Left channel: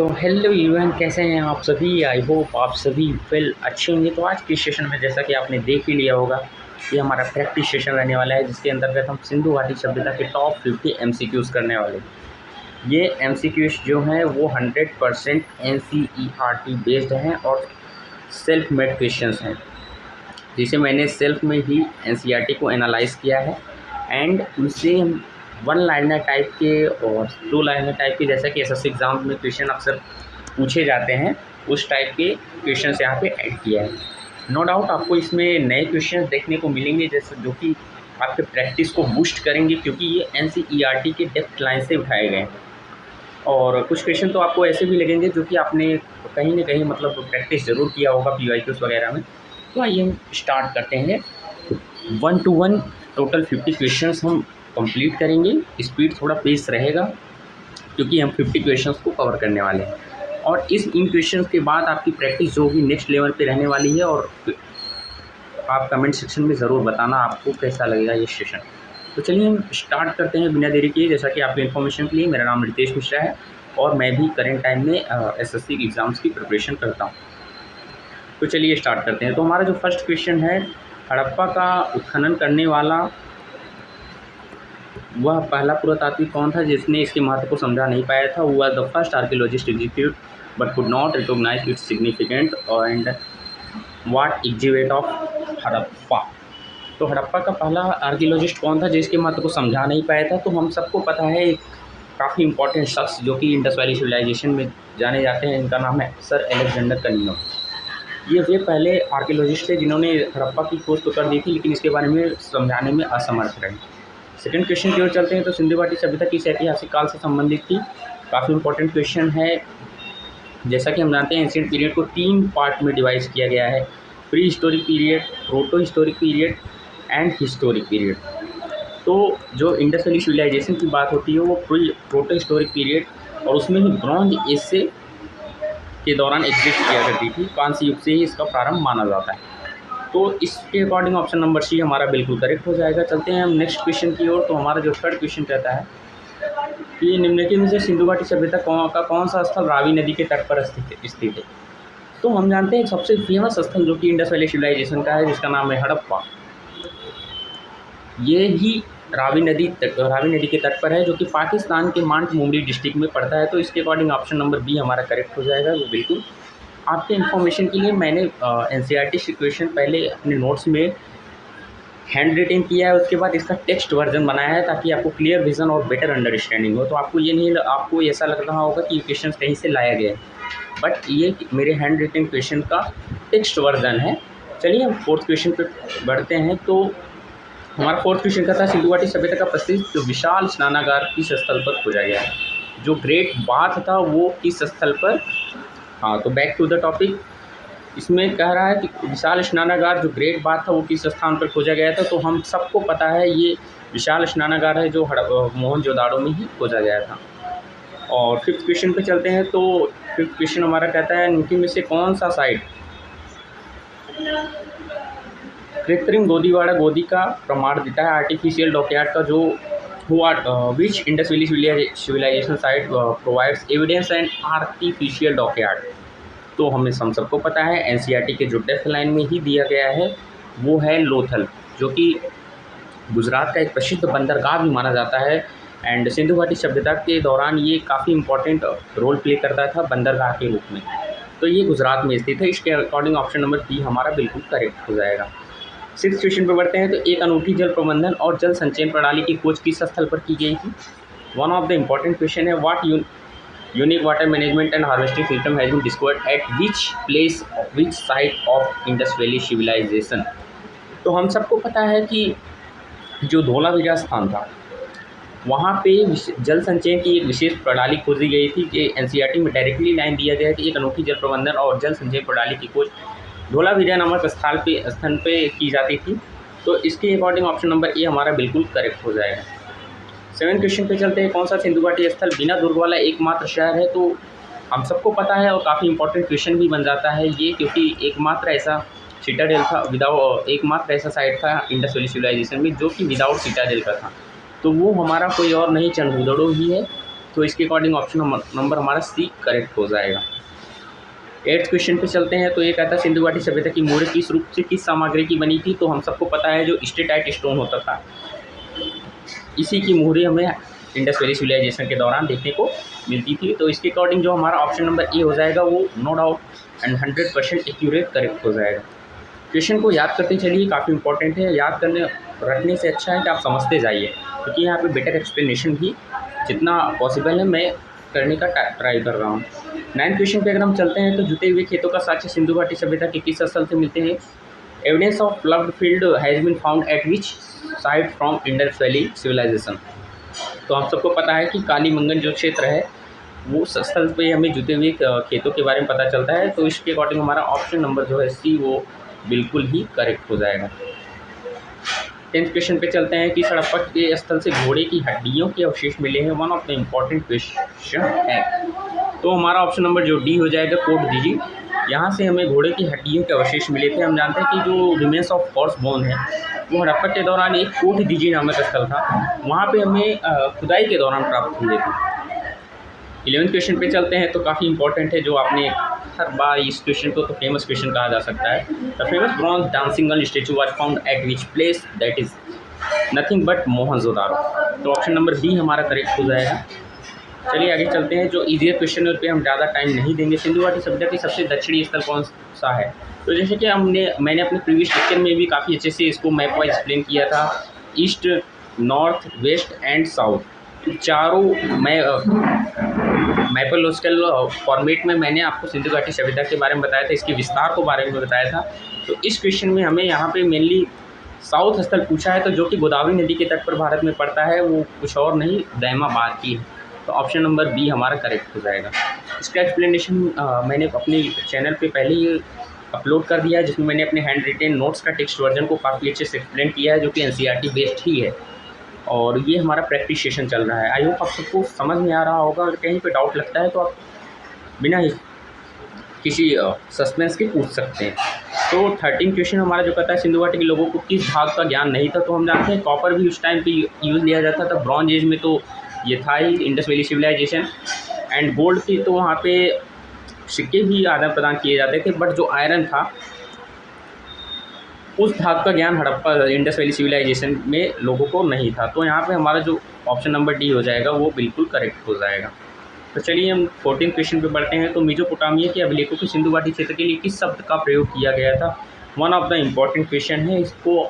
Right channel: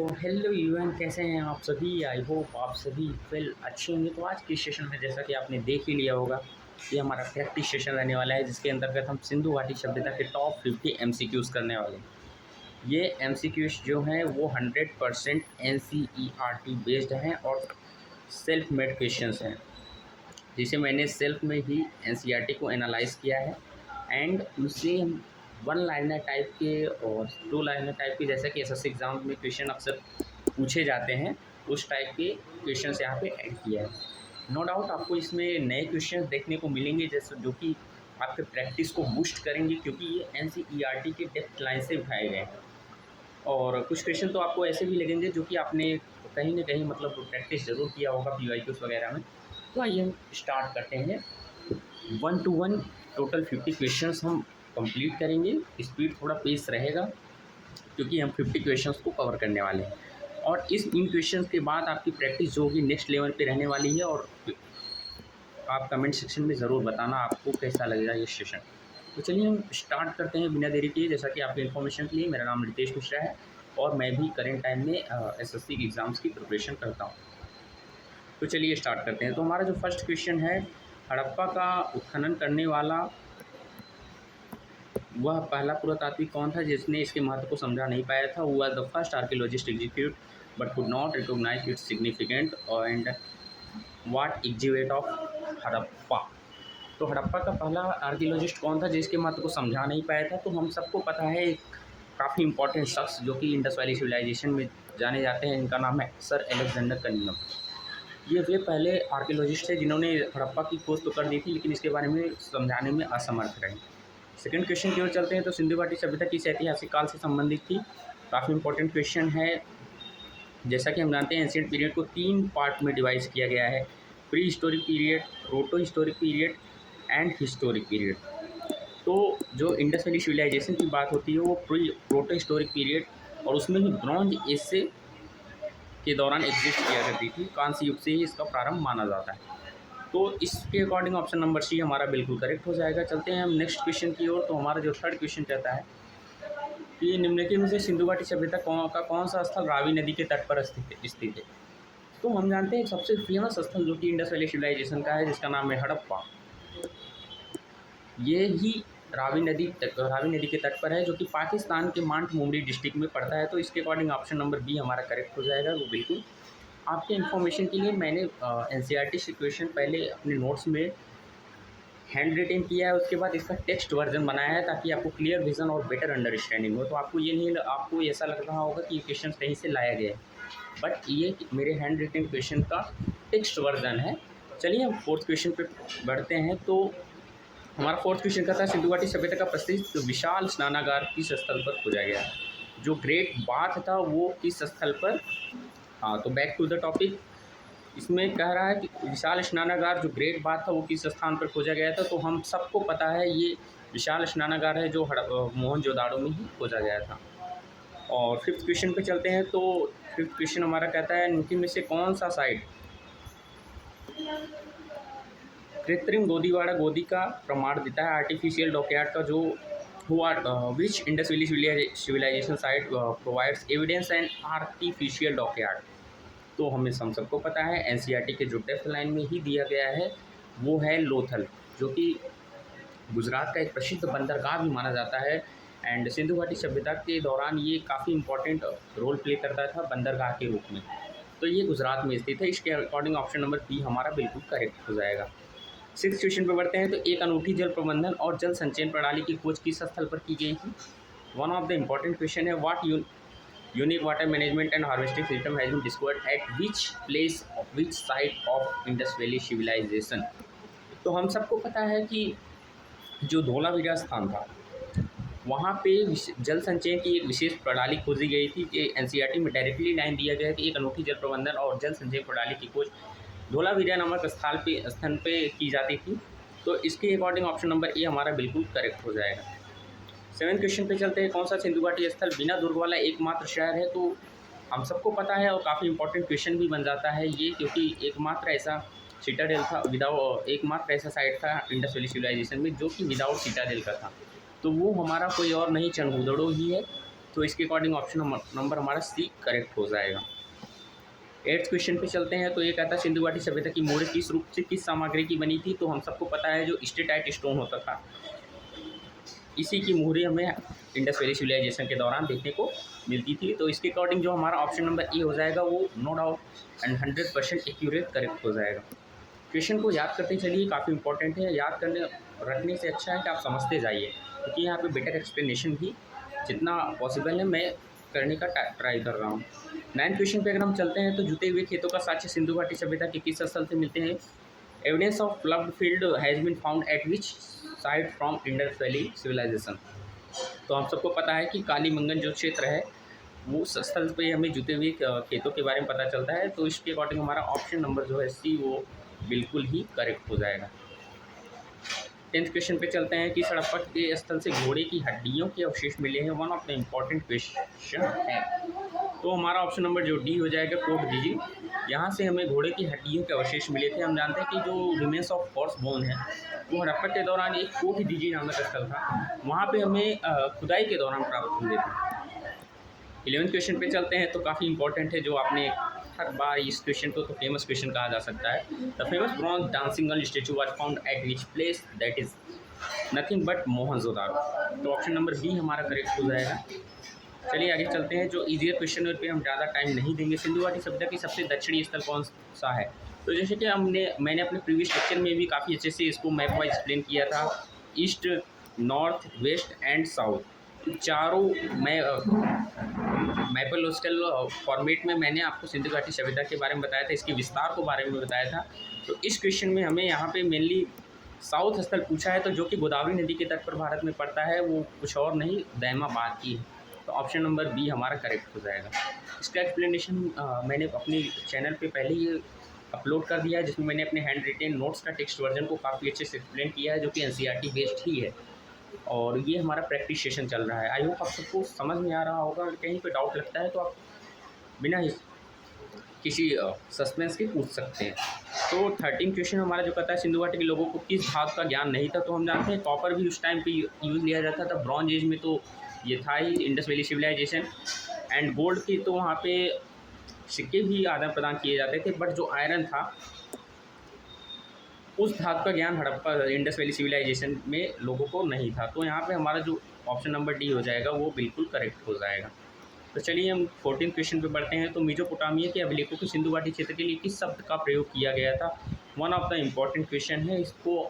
Hello everyone, कैसे हैं आप सभी। आई होप आप सभी वेल अच्छे होंगे। तो आज के सेशन में जैसा कि आपने देख ही लिया होगा, ये हमारा प्रैक्टिस सेशन रहने वाला है, जिसके अंतर्गत हम सिंधु घाटी सभ्यता के टॉप 50 एमसीक्यूज़ करने वाले हैं। ये एमसीक्यूज़ जो हैं वो 100% एनसीईआरटी बेस्ड हैं और सेल्फ मेड क्वेश्चंस हैं, जिसे मैंने सेल्फ में ही एनसीईआरटी को एनालाइज किया है एंड उनसे वन लाइनर टाइप के और टू लाइनर टाइप के, जैसा कि एसएससी एग्ज़ाम में क्वेश्चन अक्सर पूछे जाते हैं, उस टाइप के क्वेश्चंस यहाँ पे ऐड किया है। नो डाउट आपको इसमें नए क्वेश्चंस देखने को मिलेंगे, जैसे जो कि आपके प्रैक्टिस को बूस्ट करेंगे, क्योंकि ये एनसीईआरटी के डेप्थ लाइन से उठाए गए हैं। और कुछ क्वेश्चन तो आपको ऐसे भी लगेंगे जो कि आपने कहीं ना कहीं मतलब प्रैक्टिस ज़रूर किया होगा पीवाईक्यूज़ वगैरह में। तो आइए हम स्टार्ट करते हैं। 1 to 1 टोटल 50 क्वेश्चंस हम कंप्लीट करेंगे। स्पीड थोड़ा पेस रहेगा, क्योंकि हम 50 क्वेश्चंस को कवर करने वाले हैं। और इन क्वेश्चंस के बाद आपकी प्रैक्टिस जो होगी नेक्स्ट लेवल पे रहने वाली है। और आप कमेंट सेक्शन में ज़रूर बताना आपको कैसा लगेगा ये सेशन। तो चलिए हम स्टार्ट करते हैं बिना देरी किए। जैसा कि आपकी इन्फॉर्मेशन के लिए, मेरा नाम रितेश मिश्रा है और मैं भी करेंट टाइम में एसएससी एग्ज़ाम्स की प्रिपरेशन करता हूँ। तो चलिए स्टार्ट करते हैं। तो हमारा जो फर्स्ट क्वेश्चन है, हड़प्पा का उत्खनन करने वाला वह पहला पुरातात्विक कौन था जिसने इसके महत्व को समझा नहीं पाया था। वह the first archaeologist execute but could not recognise its significant and what excavate of Harappa. तो हड़प्पा का पहला आर्कियोलॉजिस्ट कौन था जिसके महत्व को समझा नहीं पाया था। तो हम सबको पता है एक काफ़ी इंपॉर्टेंट शख्स जो कि इंडस वैली सिविलाइजेशन में जाने जाते हैं, इनका नाम है सर अलेक्जेंडर कनिंघम। ये वे पहले आर्कियोलॉजिस्ट थे जिन्होंने हड़प्पा की खोज तो कर दी थी, लेकिन इसके बारे में समझाने में असमर्थ रहे। सेकंड क्वेश्चन की ओर चलते हैं। तो सिंधु घाटी सभ्यता किस ऐतिहासिक काल से संबंधित थी। काफ़ी इंपॉर्टेंट क्वेश्चन है। जैसा कि हम जानते हैं, एंशिएंट पीरियड को 3 पार्ट में डिवाइड किया गया है: pre historic period, proto historic period and historic period. तो जो इंडस वैली सिविलाइजेशन की बात होती है वो प्रोटो हिस्टोरिक पीरियड, और उसमें ही ब्रॉन्ज एज से के दौरान एग्जिस्ट किया करती थी। कांस्य युग से ही इसका प्रारंभ माना जाता है। तो इसके अकॉर्डिंग ऑप्शन नंबर सी हमारा बिल्कुल करेक्ट हो जाएगा। चलते हैं हम नेक्स्ट क्वेश्चन की ओर। तो हमारा जो थर्ड क्वेश्चन कहता है कि निम्नलिखित में से सिंधु घाटी सभ्यता का कौन सा स्थल रावी नदी के तट पर स्थित है। तो हम जानते हैं सबसे फेमस स्थल जो कि इंडस वैली सिविलाइजेशन का है, जिसका नाम है हड़प्पा। ये ही रावी नदी के तट पर है, जो कि पाकिस्तान के मानमुमरी डिस्ट्रिक्ट में पड़ता है। तो इसके अकॉर्डिंग ऑप्शन नंबर बी हमारा करेक्ट हो जाएगा। वो बिल्कुल आपके इन्फॉर्मेशन के लिए मैंने एनसीईआरटी सिचुएशन पहले अपने नोट्स में हैंड रिटेन किया है, उसके बाद इसका टेक्स्ट वर्जन बनाया है, ताकि आपको क्लियर विजन और बेटर अंडरस्टैंडिंग हो। तो आपको ऐसा लग रहा होगा कि ये क्वेश्चन कहीं से लाया गया है, बट ये मेरे हैंड रिटेन क्वेश्चन का टेक्स्ट वर्जन है। चलिए हम फोर्थ क्वेश्चन पे बढ़ते हैं। तो हमारा फोर्थ क्वेश्चन का था, सिंधु घाटी सभ्यता का प्रसिद्ध विशाल स्नानागार किस स्थल पर खोजा गया है। जो ग्रेट बाथ था वो किस स्थल पर। हाँ, तो बैक टू द टॉपिक। इसमें कह रहा है कि विशाल स्नानागार जो ग्रेट बाथ था वो किस स्थान पर खोजा गया था। तो हम सबको पता है ये विशाल स्नानागार है जो मोहनजोदाड़ो में ही खोजा गया था। और फिफ्थ क्वेश्चन पे चलते हैं। तो फिफ्थ क्वेश्चन हमारा कहता है, इनकी में से कौन सा साइट कृत्रिम गोदी का प्रमाण देता है। आर्टिफिशियल डॉकयार्ड का जो हुआ, which Indus valley civilisation site provides evidence and artificial dockyard. तो हम सबको पता है एनसीईआरटी के जो डेप्थ लाइन में ही दिया गया है वो है लोथल, जो कि गुजरात का एक प्रसिद्ध बंदरगाह भी माना जाता है। एंड सिंधु घाटी सभ्यता के दौरान ये काफ़ी इंपॉर्टेंट रोल प्ले करता था बंदरगाह के रूप में। तो ये गुजरात में स्थित है। इसके अकॉर्डिंग ऑप्शन नंबर बी हमारा बिल्कुल करेक्ट हो जाएगा। सिक्स क्वेश्चन पर बढ़ते हैं। तो एक अनूठी जल प्रबंधन और जल संचयन प्रणाली की खोज किस स्थल पर की गई थी। One of the important question है, what unique water management and harvesting system has been discovered at which site of Indus valley civilisation. तो हम सबको पता है कि जो धोलावीरा स्थान था वहाँ पे जल संचयन की एक विशेष प्रणाली खोजी गई थी। कि एनसीईआरटी में डायरेक्टली लाइन दिया गया है कि एक अनोखी जल प्रबंधन और जल संचयन प्रणाली की खोज धोलावीरा नामक स्थान पे की जाती थी। तो इसके अकॉर्डिंग ऑप्शन नंबर ए हमारा बिल्कुल करेक्ट हो जाएगा। सेवन क्वेश्चन पे चलते हैं। कौन सा सिंधु घाटी स्थल बिना दुर्ग वाला एकमात्र शहर है। तो हम सबको पता है और काफ़ी इंपॉर्टेंट क्वेश्चन भी बन जाता है ये, क्योंकि एकमात्र ऐसा सिटाडेल था एकमात्र ऐसा साइट था इंडस वैली सिविलाइजेशन में जो कि विदाउट सिटाडेल का था। तो वो हमारा कोई और नहीं, चंडूदड़ो ही है। तो इसके अकॉर्डिंग ऑप्शन नंबर हमारा सी करेक्ट हो जाएगा। 8th क्वेश्चन पे चलते हैं। तो ये कहता है सिंधु घाटी सभ्यता की मोहरें किस रूप से किस सामग्री की बनी थी। तो हम सबको पता है जो स्टेटाइट स्टोन होता था, इसी की मोहरें हमें इंडस वैली सिविलाइजेशन के दौरान देखने को मिलती थी। तो इसके अकॉर्डिंग जो हमारा ऑप्शन नंबर ए हो जाएगा वो no doubt and 100% accurate correct हो जाएगा। क्वेश्चन को याद करते चलिए, काफ़ी इंपॉर्टेंट है। याद करने रखने से अच्छा है कि आप समझते जाइए, क्योंकि यहाँ पे बेटर एक्सप्लेनेशन भी जितना पॉसिबल है मैं करने का ट्राई कर रहा हूँ। 9th क्वेश्चन पे अगर हम चलते हैं तो जुते हुए खेतों का साक्ष्य सिंधु घाटी सभ्यता के किस स्थल से मिलते हैं। Evidence of ploughed field has been found at which site from Indus valley civilisation. तो हम सबको पता है कि कालीमंगन जो क्षेत्र है वो स्थल पे हमें जुते हुए खेतों के बारे में पता चलता है। तो इसके अकॉर्डिंग हमारा ऑप्शन नंबर जो है सी वो बिल्कुल ही करेक्ट हो जाएगा। 10th क्वेश्चन पे चलते हैं कि हड़प्पा के स्थल से घोड़े की हड्डियों के अवशेष मिले हैं। One of the important question है। तो हमारा ऑप्शन नंबर जो डी हो जाएगा, कोट दीजिए। यहाँ से हमें घोड़े की हड्डियों के अवशेष मिले थे। हम जानते हैं कि जो रिमेन्स ऑफ हॉर्स बोन है वो हड़प्पा के दौरान एक कोट दीजिए नामक स्थल था, वहाँ पे हमें खुदाई के दौरान प्राप्त हुए थे। 11th क्वेश्चन पे चलते हैं। तो काफ़ी इंपॉर्टेंट है, जो आपने हर बार इस क्वेश्चन को तो फेमस क्वेश्चन कहा जा सकता है। The famous bronze dancing girl statue was found at which place, that is nothing but Mohenjodaro. तो ऑप्शन नंबर बी हमारा करेक्ट हो जाएगा। चलिए आगे चलते हैं। जो ईजियर क्वेश्चन है उस पर हम ज़्यादा टाइम नहीं देंगे। सिंधु घाटी सभ्यता की सबसे दक्षिणी स्थल कौन सा है। तो जैसे कि मैंने अपने प्रीवियस लेक्चर में भी काफ़ी अच्छे से इसको मैप वाइज एक्सप्लेन किया था। East, north, west and south चारों मैपोलॉजिकल फॉर्मेट में मैंने आपको सिंधु घाटी सभ्यता के बारे में बताया था, इसके विस्तार को बारे में बताया था। तो इस क्वेश्चन में हमें यहाँ पे मेनली साउथ स्थल पूछा है, तो जो कि गोदावरी नदी के तट पर भारत में पड़ता है, वो कुछ और नहीं दैमाबाद की है। तो ऑप्शन नंबर बी हमारा करेक्ट हो जाएगा। इसका एक्सप्लेनेशन मैंने अपने चैनल पे पहले ही अपलोड कर दिया है, जिसमें मैंने अपने हैंड रिटेन नोट्स का टेक्स्ट वर्जन को काफ़ी अच्छे से एक्सप्लेन किया है, जो कि एनसीईआरटी बेस्ड ही है। और ये हमारा प्रैक्टिस सेशन चल रहा है। आई होप आप सबको समझ में आ रहा होगा। अगर कहीं पे डाउट लगता है तो आप बिना ही किसी सस्पेंस के पूछ सकते हैं। तो 13 क्वेश्चन हमारा जो कहता है सिंधु घाटी के लोगों को किस भाग का ज्ञान नहीं था। तो हम जानते हैं कॉपर भी उस टाइम पे यूज़ लिया जाता था। ब्रॉन्ज एज में तो ये था ही Indus valley civilisation. And gold की तो वहाँ पे सिक्के भी आदान प्रदान किए जाते थे, बट जो आयरन था उस भाग का ज्ञान हड़प्पा इंडस वैली सिविलाइजेशन में लोगों को नहीं था। तो यहाँ पे हमारा जो ऑप्शन नंबर डी हो जाएगा वो बिल्कुल करेक्ट हो जाएगा। तो चलिए हम 14 क्वेश्चन पे बढ़ते हैं। तो मेसोपोटामिया के अभिलेखों की सिंधु घाटी क्षेत्र के लिए किस शब्द का प्रयोग किया गया था। One of the important question है, इसको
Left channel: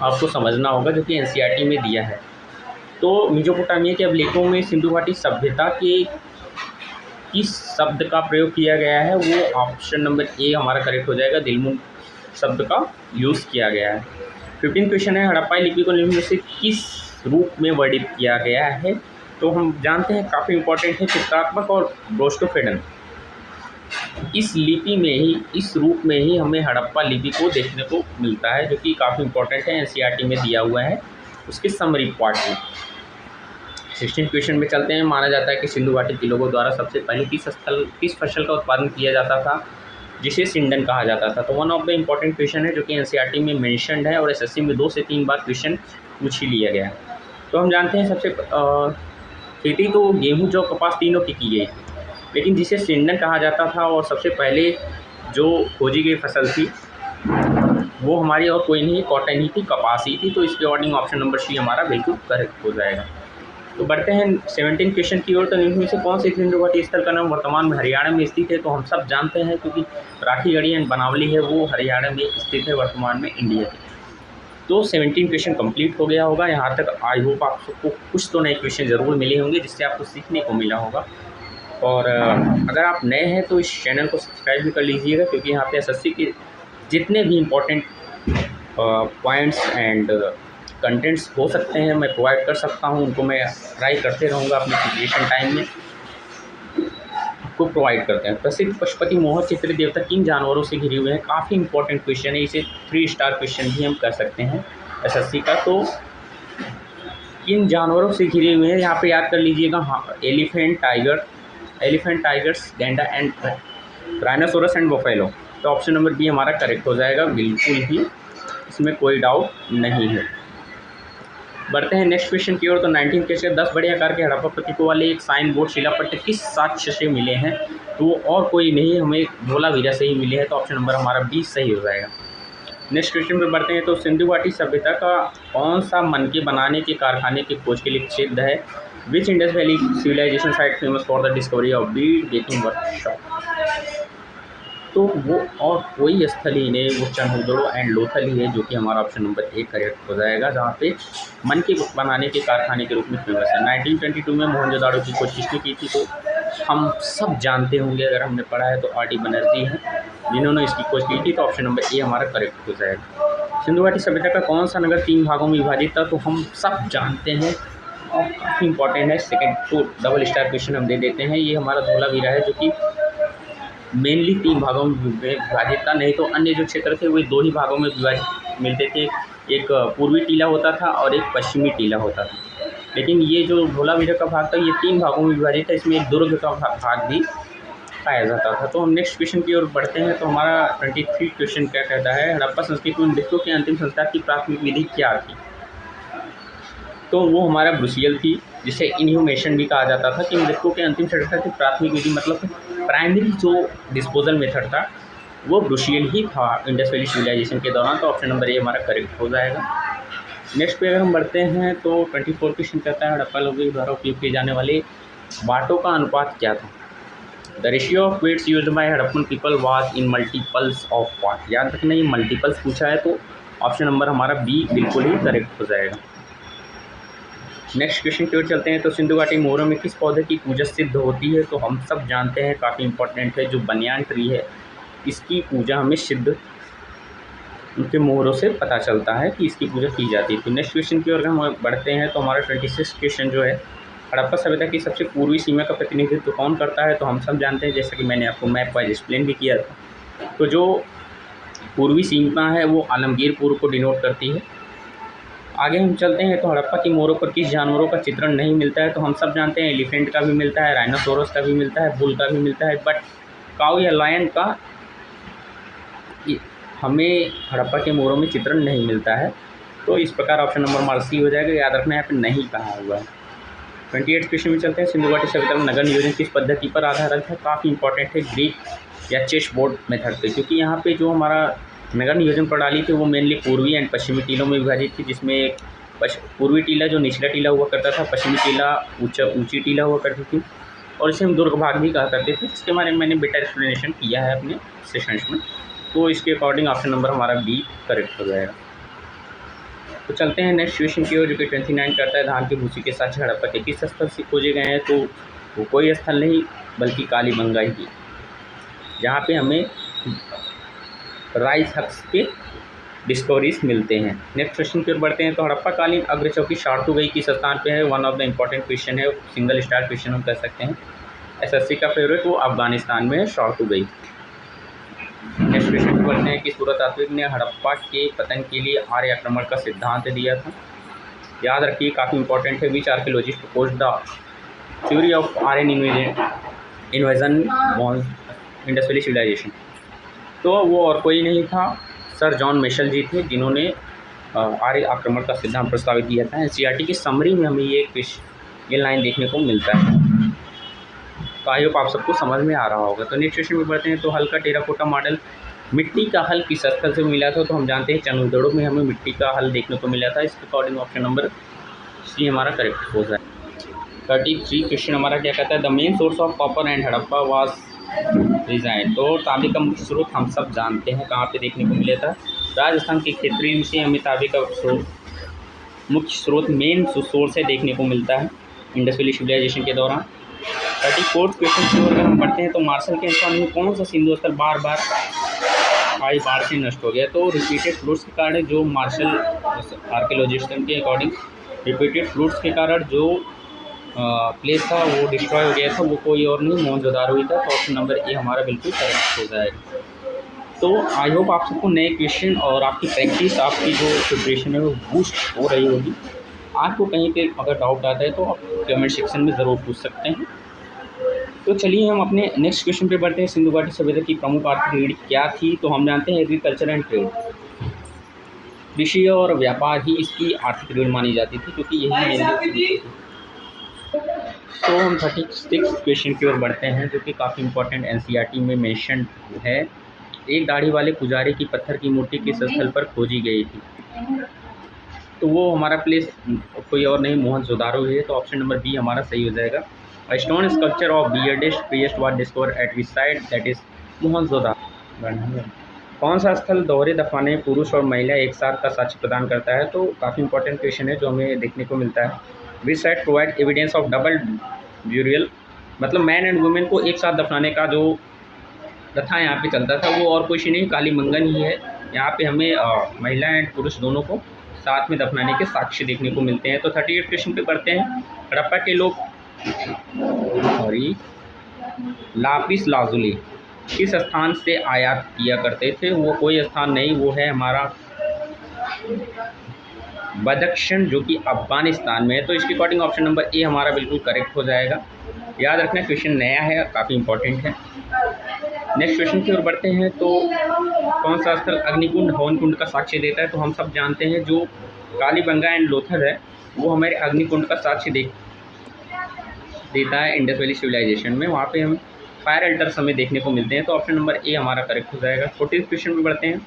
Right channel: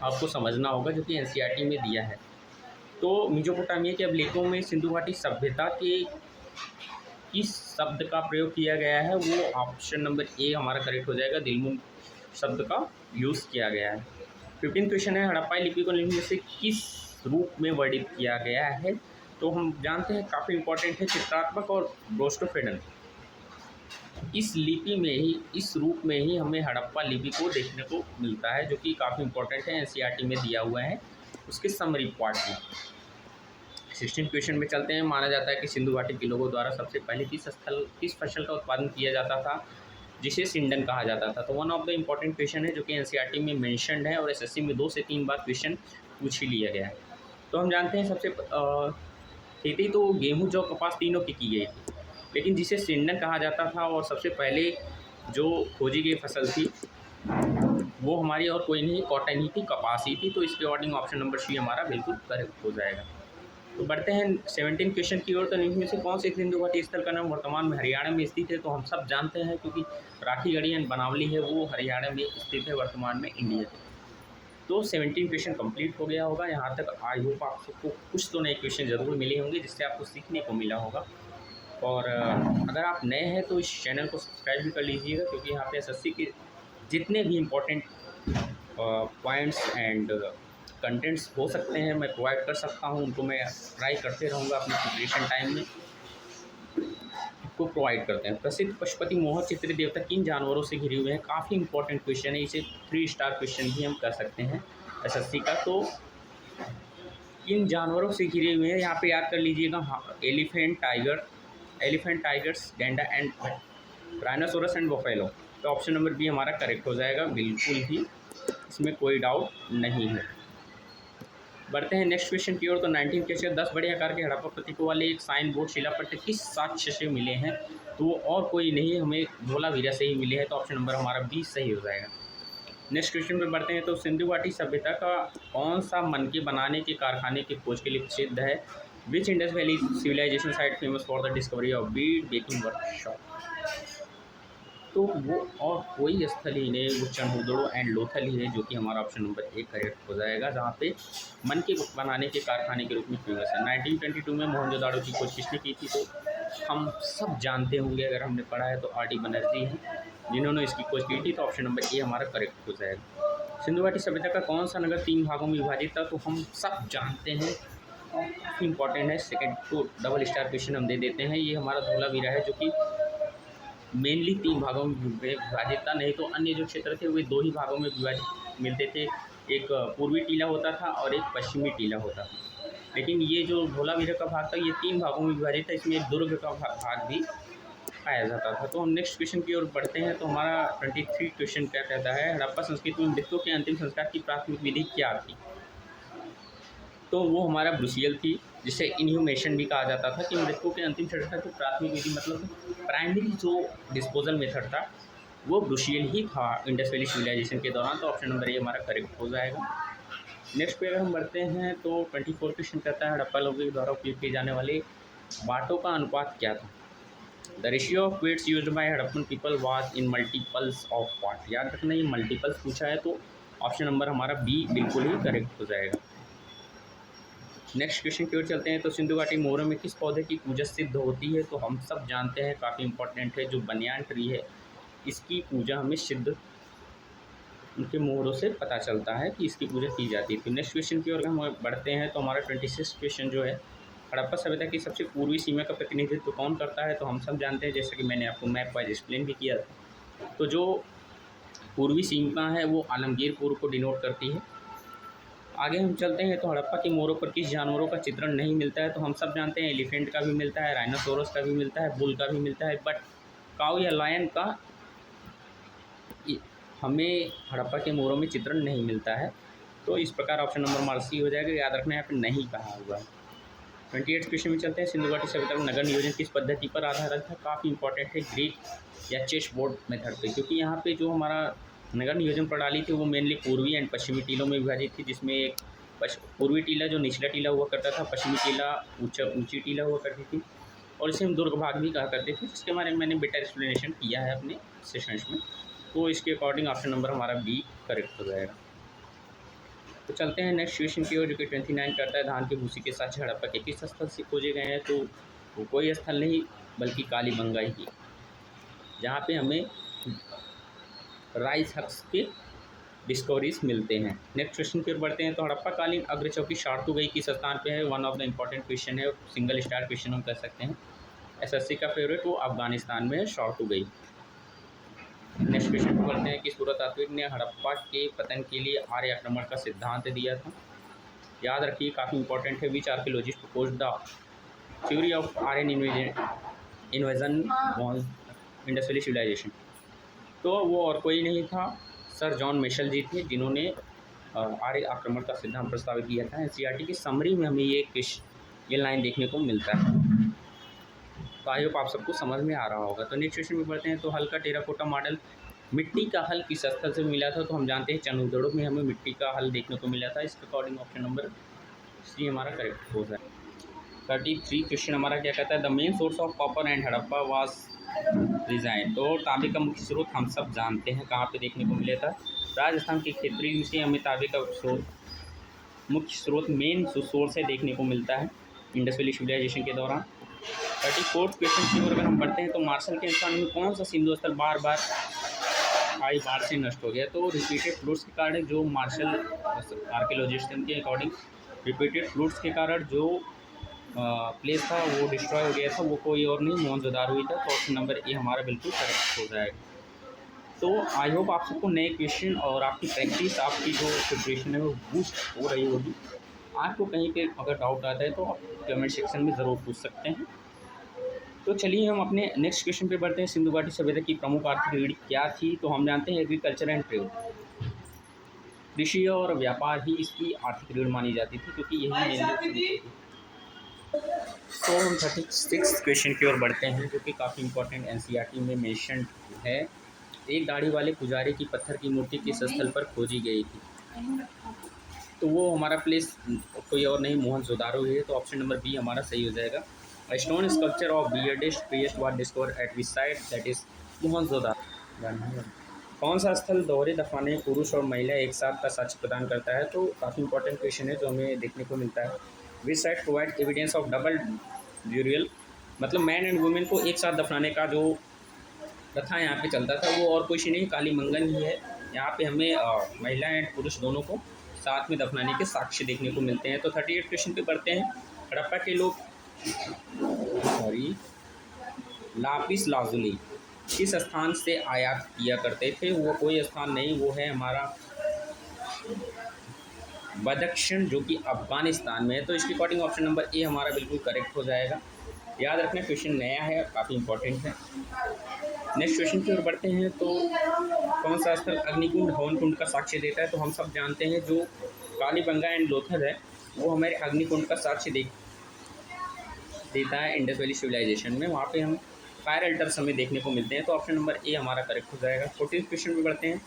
आपको समझना होगा, जो कि एनसीईआरटी में दिया है। तो मेसोपोटामिया के अभिलेखों में सिंधु घाटी सभ्यता के किस शब्द का प्रयोग किया गया है, वो ऑप्शन नंबर ए हमारा करेक्ट हो जाएगा। दिलमुन शब्द का यूज़ किया गया है। 15 क्वेश्चन है, हड़प्पाई लिपि को निम्न में से किस रूप में वर्णित किया गया है। तो हम जानते हैं काफ़ी इंपॉर्टेंट है चित्रात्मक और ब्रोस्टोफेडन। इस लिपि में ही, इस रूप में ही हमें हड़प्पा लिपि को देखने को मिलता है, जो कि काफ़ी इंपॉर्टेंट है, एनसीईआरटी में दिया हुआ है उसके समरी पार्ट में। 16 क्वेश्चन में चलते हैं। माना जाता है कि सिंधु घाटी के लोगों द्वारा सबसे पहले किस फसल का उत्पादन किया जाता था, जिसे सिंडन कहा जाता था। तो one of the important question है, जो कि एनसीईआरटी में मेंशन्ड है और एसएससी में 2 से 3 बार क्वेश्चन पूछ ही लिया गया है। तो हम जानते हैं सबसे खेती तो गेहूं, जौ, कपास तीनों की गई, लेकिन जिसे सिंडन कहा जाता था और सबसे पहले जो खोजी गई फसल थी वो हमारी और कोई नहीं, कॉटन ही थी, कपास ही थी। तो इसके अकॉर्डिंग ऑप्शन नंबर सी हमारा बिल्कुल करेक्ट हो जाएगा। तो बढ़ते हैं 17 क्वेश्चन की ओर। तो इनमें से कौन से सिंधु घाटी स्थल का नाम वर्तमान में हरियाणा में स्थित है। तो हम सब जानते हैं, क्योंकि राखीगढ़ी एंड बनावली है वो हरियाणा में स्थित है वर्तमान में इंडिया के। तो 17 क्वेश्चन कंप्लीट हो गया होगा यहाँ तक। आई होप आप सबको कुछ तो नए क्वेश्चन ज़रूर मिले होंगे, जिससे आपको सीखने को मिला होगा। और अगर आप नए हैं तो इस चैनल को सब्सक्राइब भी कर लीजिएगा, क्योंकि यहाँ पे एसएससी के जितने भी इम्पोर्टेंट पॉइंट्स एंड कंटेंट्स हो सकते हैं मैं प्रोवाइड कर सकता हूँ, उनको मैं ट्राई करते रहूँगा अपने प्रिपरेशन टाइम में आपको प्रोवाइड करते हैं। प्रसिद्ध पशुपति मोहर चित्र देवता किन जानवरों से घिरे हुए हैं। काफ़ी इंपॉर्टेंट क्वेश्चन है, इसे 3 स्टार क्वेश्चन भी हम कह सकते हैं एसएससी का। तो किन जानवरों से घिरे हुए हैं यहाँ पे याद कर लीजिएगा। हाँ, एलिफेंट, टाइगर्स, गैंडा एंड राइनोसोरस एंड बफेलो। तो ऑप्शन नंबर बी हमारा करेक्ट हो जाएगा, बिल्कुल ही इसमें कोई डाउट नहीं है। बढ़ते हैं नेक्स्ट क्वेश्चन की ओर। तो 19 के 10 बड़े आकार के हड़प्पा प्रतीकों वाले एक साइन बोर्ड शिलापट्ट किस साक्ष्य से मिले हैं? तो और कोई नहीं, हमें धोलावीरा से ही मिले हैं, तो ऑप्शन नंबर हमारा 20 सही हो जाएगा। नेक्स्ट क्वेश्चन पे बढ़ते हैं। तो सिंधु घाटी सभ्यता का कौन सा मनके बनाने के कारखाने की खोज के लिए प्रसिद्ध है? Which Indus valley civilisation site famous for the discovery of bead baking workshop? तो वो और कोई स्थल ही नहीं, वो चंद्रदुर्ग एंड लोथल ही है, जो कि हमारा ऑप्शन नंबर 1 करेक्ट हो जाएगा, जहाँ पे मन के बनाने के कारखाने के रूप में फेमस है। 1922 में मोहनजोदाड़ो की खोज किसने की थी? तो हम सब जानते होंगे, अगर हमने पढ़ा है तो आर.डी. बनर्जी हैं जिन्होंने इसकी खोज की थी, तो ऑप्शन नंबर ए हमारा करेक्ट हो जाएगा। सिंधु घाटी सभ्यता का कौन सा नगर 3 भागों में विभाजित था? तो हम सब जानते हैं और काफ़ी इंपॉर्टेंट है। सेकेंड तो डबल स्टार क्वेश्चन हम दे देते हैं, ये हमारा धोलावीरा है, जो कि मेनली 3 भागों में विभाजित था। नहीं तो अन्य जो क्षेत्र थे वो 2 ही भागों में विभाजित मिलते थे, एक पूर्वी टीला होता था और एक पश्चिमी टीला होता था। लेकिन ये जो धोलावीरा का भाग था ये 3 भागों में विभाजित था, इसमें एक दुर्ग का भाग भी पाया जाता था। तो हम नेक्स्ट क्वेश्चन की ओर बढ़ते हैं। तो हमारा 23 क्वेश्चन क्या कहता है? हड़प्पा संस्कृति में मृतकों के अंतिम संस्कार की प्राथमिक विधि क्या थी? तो वो हमारा ब्रुशियल थी, जिसे इनह्यूमेशन भी कहा जाता था, कि मृतकों के अंतिम संस्कार की प्राथमिक विधि मतलब प्राइमरी जो डिस्पोजल मेथड था वो ब्रुशियल ही था इंडस वैली सिविलाइजेशन के दौरान, तो ऑप्शन नंबर ए हमारा करेक्ट हो जाएगा। नेक्स्ट पे अगर हम बढ़ते हैं तो 24 क्वेश्चन कहता है हड़प्पा लोगों द्वारा उपयोग किए जाने वाले बाटों का अनुपात क्या था? The ratio of weights used by Harappan people was in multiples of what? याद रखना ये मल्टीपल्स पूछा है, तो ऑप्शन नंबर हमारा बी बिल्कुल ही करेक्ट हो जाएगा। नेक्स्ट क्वेश्चन की ओर चलते हैं। तो सिंधु घाटी मोहरों में किस पौधे की पूजा सिद्ध होती है? तो हम सब जानते हैं, काफ़ी इंपॉर्टेंट है, जो बनियान ट्री है इसकी पूजा हमें सिद्ध उनके मोहरों से पता चलता है कि इसकी पूजा की जाती है। तो नेक्स्ट क्वेश्चन की ओर हम बढ़ते हैं। तो हमारा 26 क्वेश्चन जो है, हड़प्पा सभ्यता की सबसे पूर्वी सीमा का प्रतिनिधित्व कौन करता है? तो हम सब जानते हैं, जैसा कि मैंने आपको मैप वाइज एक्सप्लेन भी किया था। तो जो पूर्वी सीमा है वो आलमगीर पूर्व को डिनोट करती है। आगे हम चलते हैं। तो हड़प्पा की मोहरों पर किस जानवरों का चित्रण नहीं मिलता है? तो हम सब जानते हैं एलिफेंट का भी मिलता है, राइनोसोरस का भी मिलता है, बुल का भी मिलता है, बट काऊ या लायन का हमें हड़प्पा के मोहरों में चित्रण नहीं मिलता है। तो इस प्रकार ऑप्शन नंबर हमारा सी हो जाएगा। याद रखना यहाँ पे नहीं कहा हुआ है। 28 क्वेश्चन में चलते हैं। सिंधु घाटी सभ्यता में नगर नियोजन किस पद्धति पर आधारित है? काफ़ी इंपॉर्टेंट है, ग्रीक या चेस बोर्ड मेथड पे, क्योंकि यहाँ पे जो हमारा नगर नियोजन प्रणाली थी वो मेनली पूर्वी एंड पश्चिमी टीलों में विभाजित थी, जिसमें पूर्वी टीला जो निचला टीला हुआ करता था, पश्चिमी टीला ऊंची टीला हुआ करती थी, और इसे हम दुर्ग भाग भी कहा करते थे, जिसके बारे में मैंने बेटर एक्सप्लेनेशन किया है अपने सेशंस में। तो इसके अकॉर्डिंग ऑप्शन नंबर हमारा बी करेक्ट हो जाएगा। तो चलते हैं नेक्स्ट क्वेश्चन की ओर, जो कि 29 करता है धान की भूसी के साथ हड़प्पा के किस स्थल से खोजे गए हैं? तो वो कोई स्थल नहीं बल्कि कालीबंगा ही, जहाँ पे हमें राइस हक्स के डिस्कवरीज मिलते हैं। नेक्स्ट क्वेश्चन की ओर बढ़ते हैं। तो हड़प्पाकालीन अग्रचौकी शार्तुगई किस स्थान पे है? One of the important question है, सिंगल स्टार क्वेश्चन हम कह सकते हैं, एसएससी का फेवरेट, वो अफगानिस्तान में है शार्तुगई। नेक्स्ट क्वेश्चन पे बढ़ते हैं कि पुरातात्विक ने हड़प्पा के पतन के लिए आर्य आक्रमण का सिद्धांत दिया था? याद रखिए, काफ़ी इंपॉर्टेंट है। Which archaeologist proposed the theory of Aryan invasion on Indus valley civilisation? तो वो और कोई नहीं था, सर जॉन मिशेल जी थे, जिन्होंने आर्य आक्रमण का सिद्धांत प्रस्तावित किया था। एनसीईआरटी की समरी में हमें ये लाइन देखने को मिलता है। तो आई होप आप सबको समझ में आ रहा होगा। तो नेक्स्ट क्वेश्चन में बढ़ते हैं। तो हल का टेराकोटा मॉडल मिट्टी का हल किस स्थल से मिला था? तो हम जानते हैं चंद्रदुर्ग में हमें मिट्टी का हल देखने को मिला था। इसके अकॉर्डिंग ऑप्शन नंबर सी हमारा करेक्ट हो जाए। 33 क्वेश्चन हमारा क्या कहता है? The main source of copper and Harappa was design. तो तांबे का मुख्य स्रोत हम सब जानते हैं कहाँ पे देखने को मिला था? राजस्थान के क्षेत्रीय से हमें तांबे का मुख्य स्रोत मेन सोर्स से देखने को मिलता है इंडस वैली सिविलाइजेशन के दौरान। 34 क्वेश्चन की ओर अगर हम बढ़ते हैं। तो मार्शल के अनुसार में कौन सा सिंधु स्थल बार बार आई बाढ़ से नष्ट हो गया? तो रिपीटेड फ्लूड्स के कारण जो मार्शल आर्कियोलॉजिस्ट के अकॉर्डिंग रिपीटेड फ्लूड्स के कारण जो प्लेस था वो डिस्ट्रॉय हो गया था, वो कोई और नहीं मोहनजोदाड़ो ही था। तो ऑप्शन नंबर ए हमारा बिल्कुल करेक्ट हो जाएगा। तो आई होप आप सबको नए क्वेश्चन और आपकी प्रैक्टिस, आपकी जो प्रिपरेशन है वो बूस्ट हो रही होगी। आपको कहीं पे अगर डाउट आता है तो आप कमेंट सेक्शन में ज़रूर पूछ सकते हैं। तो चलिए हम अपने नेक्स्ट क्वेश्चन पे बढ़ते हैं। सिंधु घाटी सभ्यता की प्रमुख आर्थिक रीढ़ क्या थी? तो हम जानते हैं एग्रीकल्चर एंड ट्रेड। कृषि और व्यापार ही इसकी आर्थिक रीढ़ मानी जाती थी, क्योंकि यही मेनली। तो हम 36 क्वेश्चन की ओर बढ़ते हैं, जो कि काफ़ी इंपॉर्टेंट एनसीईआरटी में मेंशन है। एक दाढ़ी वाले पुजारी की पत्थर की मूर्ति किस स्थल पर खोजी गई थी? तो वो हमारा प्लेस कोई और नहीं, मोहनजोदारो है। तो ऑप्शन नंबर बी हमारा सही हो जाएगा। A stone sculpture of bearded priest was discover at which site, that is Mohenjodaro. कौन सा स्थल दोहरे दफनाने में पुरुष और महिला एक साथ का साक्ष्य प्रदान करता है? तो काफ़ी इंपॉर्टेंट क्वेश्चन है जो हमें देखने को मिलता है। विच site provide evidence of double burial, मतलब मैन एंड वुमेन को एक साथ दफनाने का जो प्रथा यहाँ पे चलता था वो और कुछ नहीं, काली मंगन ही है। यहाँ पे हमें महिला एंड पुरुष दोनों को साथ में दफनाने के साक्ष्य देखने को मिलते हैं। तो 38 क्वेश्चन पे पढ़ते हैं। हड़प्पा के लोग सॉरी लापिस लाजुली किस स्थान से आयात किया करते थे? वो कोई स्थान नहीं, वो है हमारा बदख्शं, जो कि अफगानिस्तान में है। तो इसके अकॉर्डिंग ऑप्शन नंबर ए हमारा बिल्कुल करेक्ट हो जाएगा। याद रखना क्वेश्चन नया है, काफ़ी इंपॉर्टेंट है। नेक्स्ट क्वेश्चन की ओर बढ़ते हैं। तो कौन सा स्थल अग्निकुंड हवन कुंड का साक्ष्य देता है? तो हम सब जानते हैं जो कालीबंगा एंड लोथल है वो हमारे अग्निकुंड का साक्ष्य देता है इंडस वैली सिविलाइजेशन में। वहाँ पे हम फायर अल्टर्स हमें देखने को मिलते हैं। तो ऑप्शन नंबर ए हमारा करेक्ट हो जाएगा। 14th क्वेश्चन में बढ़ते हैं।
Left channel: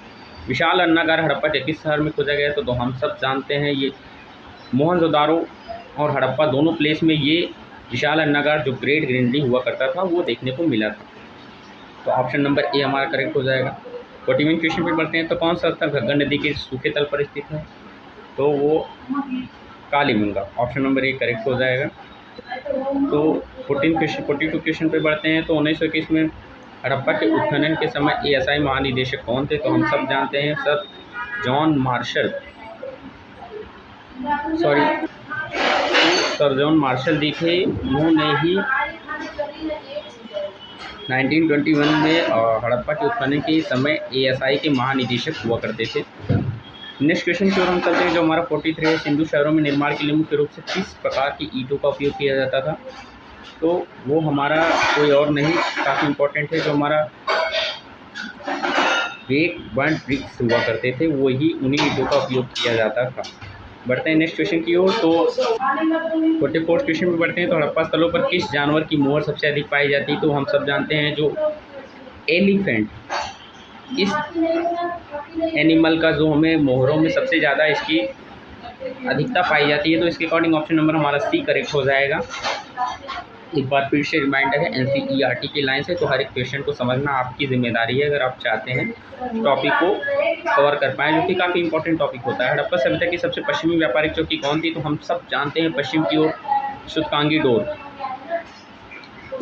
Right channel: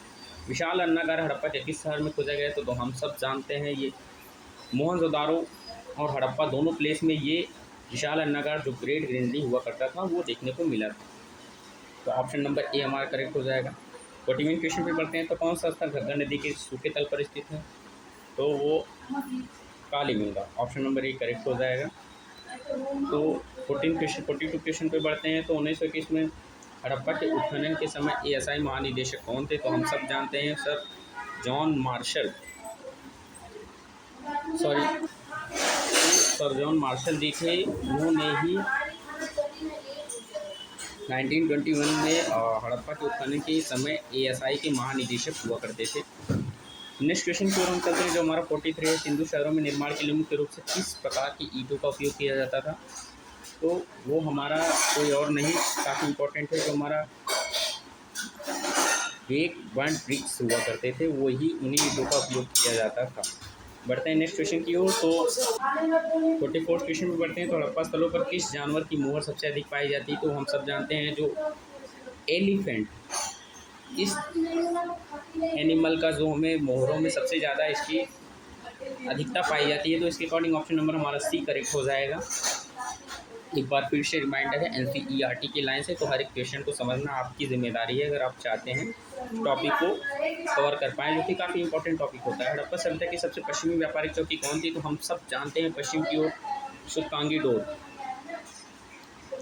विशाल अन्नागार हड़प्पा के किस शहर में खोजा गया? तो हम सब जानते हैं ये मोहनजोदारो और हड़प्पा दोनों प्लेस में ये विशाल अन्नागार जो ग्रेट ग्रीनरी हुआ करता था वो देखने को मिला था। तो ऑप्शन नंबर ए हमारा करेक्ट हो जाएगा। 41 क्वेश्चन पे बढ़ते हैं। तो कौन सा स्थल घग्गर नदी के सूखे तल पर स्थित है? तो वो Kalibangan, option number A correct हो जाएगा। तो 42 क्वेश्चन पे बढ़ते हैं। तो 1921 में हड़प्पा के उत्खनन के समय एएसआई महानिदेशक कौन थे? तो हम सब जानते हैं sir John Marshall, sir John Marshall ji थे। उन्होंने ही 1921 में हड़प्पा के उत्खनन के समय एएसआई के महानिदेशक हुआ करते थे। नेक्स्ट क्वेश्चन की ओर हम चलते हैं, जो हमारा 43 है। सिंधु शहरों में निर्माण के लिए मुख्य रूप से किस प्रकार की ईंटों का उपयोग किया जाता था? तो वो हमारा कोई और नहीं, काफ़ी इंपॉर्टेंट है, जो हमारा रेक बर्न ब्रिक्स हुआ करते थे वही उन्हीं ईंटों का उपयोग किया जाता था। बढ़ते हैं नेक्स्ट क्वेश्चन की ओर। तो 44 क्वेश्चन में बढ़ते हैं। तो हड़प्पा स्थलों पर किस जानवर की मोहर सबसे अधिक पाई जाती है? तो हम सब जानते हैं जो एलिफेंट, इस एनिमल का जो हमें मोहरों में सबसे ज़्यादा इसकी अधिकता पाई जाती है। तो इसके अकॉर्डिंग ऑप्शन नंबर हमारा सी करेक्ट हो जाएगा। एक बार फिर से रिमाइंडर है, एनसीईआरटी की लाइन से, तो हर एक क्वेश्चन को समझना आपकी जिम्मेदारी है अगर आप चाहते हैं टॉपिक को कवर कर पाएँ, जो कि काफ़ी इंपॉर्टेंट टॉपिक होता है। हड़प्पा सभ्यता की सबसे पश्चिमी व्यापारिक चौकी कौन थी? तो हम सब जानते हैं पश्चिम की ओर सुतकांगी डोर,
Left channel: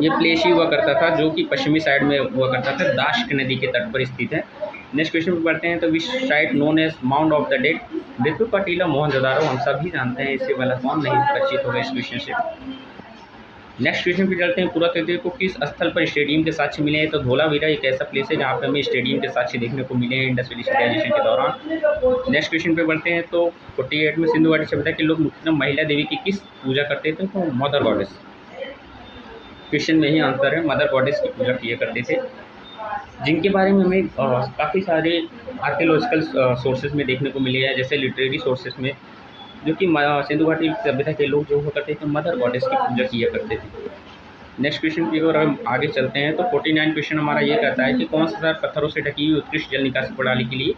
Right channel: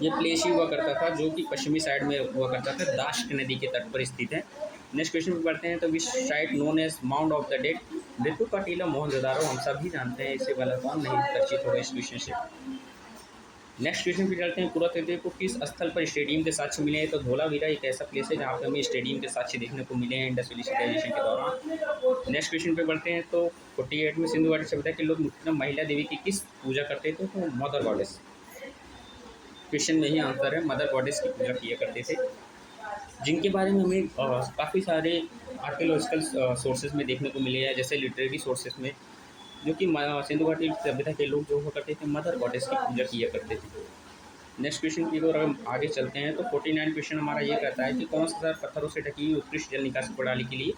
ये प्लेस ही हुआ करता था जो कि पश्चिमी साइड में हुआ करता था, दाश्क नदी के तट पर स्थित है। नेक्स्ट क्वेश्चन पे बढ़ते हैं। तो which site known as mount of the dead? बिल्कुल कटीला मोहनजोदारो, हम सभी जानते हैं, इससे वाला कौन नहीं परिचित होगा इस क्वेश्चन से। नेक्स्ट क्वेश्चन पे चलते हैं। पुरातत्व को किस स्थल पर स्टेडियम के साक्ष्य मिले हैं? तो धोलावीरा एक ऐसा प्लेस है जहाँ पे हमें स्टेडियम के साक्ष्य देखने को मिले हैं इंडस वैली सिविलाइजेशन के दौरान। नेक्स्ट क्वेश्चन पे बढ़ते हैं। तो 48 में सिंधु घाटी सभ्यता के लोग मुख्यतः महिला देवी की किस पूजा करते थे? तो मदर गॉडेस, क्वेश्चन में ही आंसर है, मदर गॉडेस की पूजा किया करते थे, जिनके बारे में हमें काफ़ी सारे आर्कियोलॉजिकल सोर्सेज में देखने को मिले हैं, जैसे लिटरेरी सोर्सेज में, जो कि सिंधु घाटी सभ्यता के लोग जो हुआ करते थे मदर गॉडेस की पूजा किया करते थे। नेक्स्ट क्वेश्चन की ओर हम आगे चलते हैं। तो 49 क्वेश्चन हमारा ये कहता है कि कौन सा शहर पत्थरों से ढकी हुई उत्कृष्ट जल निकासी प्रणाली के लिए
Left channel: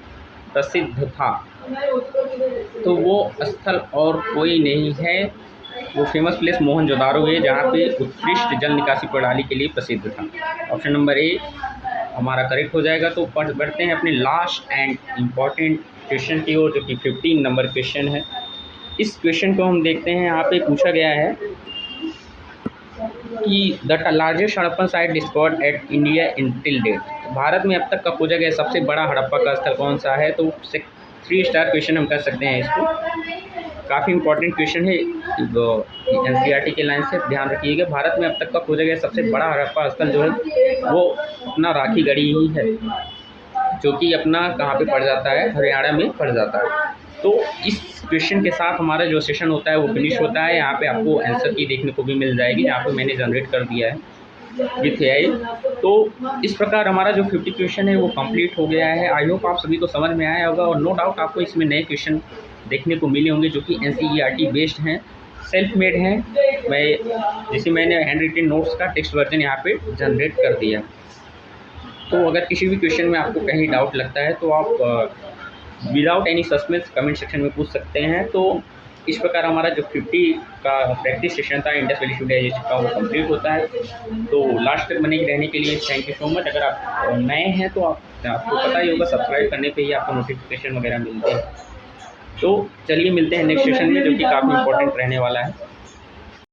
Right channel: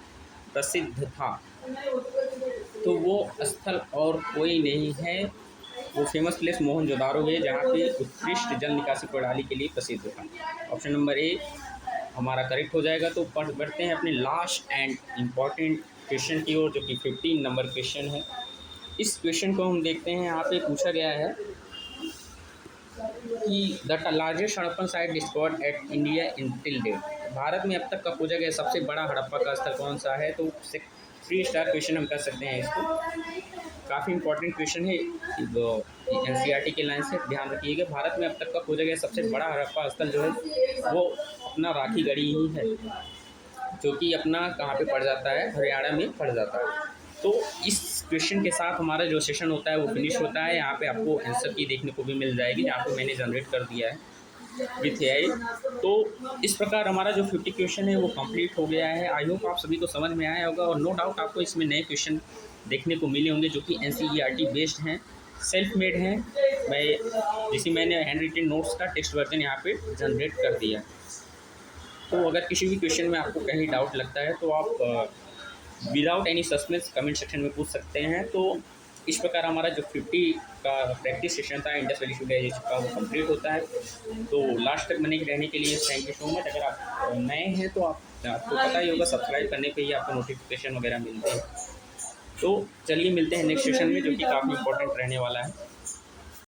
प्रसिद्ध था? तो वो स्थल और कोई नहीं है, वो फेमस प्लेस मोहनजोदारो है जहाँ पे उत्कृष्ट जल निकासी प्रणाली के लिए प्रसिद्ध था। ऑप्शन नंबर ए हमारा करेक्ट हो जाएगा। तो बढ़ते हैं अपने लास्ट एंड इम्पॉर्टेंट क्वेश्चन की ओर, जो कि 15 नंबर क्वेश्चन है। इस क्वेश्चन को हम देखते हैं। यहाँ पे पूछा गया है कि the largest Harappan site discovered at India in till date, Bharat में अब तक का खोजा गया सबसे बड़ा हड़प्पा का स्थल कौन सा है? तो 3 स्टार क्वेश्चन हम कर सकते हैं इसको, काफ़ी इंपॉर्टेंट क्वेश्चन है, एनसीईआरटी के लाइन से ध्यान रखिएगा। भारत में अब तक का खोजा गया सबसे बड़ा हड़प्पा स्थल जो है वो अपना राखीगढ़ी ही है, जो कि अपना कहाँ पे पड़ जाता है, हरियाणा में पड़ जाता है। तो इस क्वेश्चन के साथ हमारा जो सेशन होता है वो फिनिश होता है। यहाँ पे आपको आंसर की देखने को भी मिल जाएगी, यहाँ पे मैंने जनरेट कर दिया है। With AI. तो इस प्रकार हमारा जो 50 क्वेश्चन है वो कंप्लीट हो गया है। आई होप आप सभी को समझ में आया होगा और नो डाउट आपको इसमें नए क्वेश्चन देखने को मिले होंगे जो कि एनसीईआरटी बेस्ड हैं, सेल्फ मेड हैं। मैंने हैंड रिटन नोट्स का टेक्स्ट वर्जन यहाँ पे जनरेट कर दिया। तो अगर किसी भी क्वेश्चन में आपको कहीं डाउट लगता है तो आप without any suspense comment section में पूछ सकते हैं। तो इस प्रकार हमारा जो 50 का प्रैक्टिस सेशन था इंडस वैली सिविलाइजेशन का वो कंप्लीट होता है। तो लास्ट तक बने रहने के लिए थैंक यू सो मच। अगर आप नए हैं तो आपको पता ही होगा, सब्सक्राइब करने पे ही आपको नोटिफिकेशन वगैरह मिलते हैं। तो चलिए मिलते हैं नेक्स्ट सेशन में जो कि काफ़ी इंपॉर्टेंट रहने वाला है।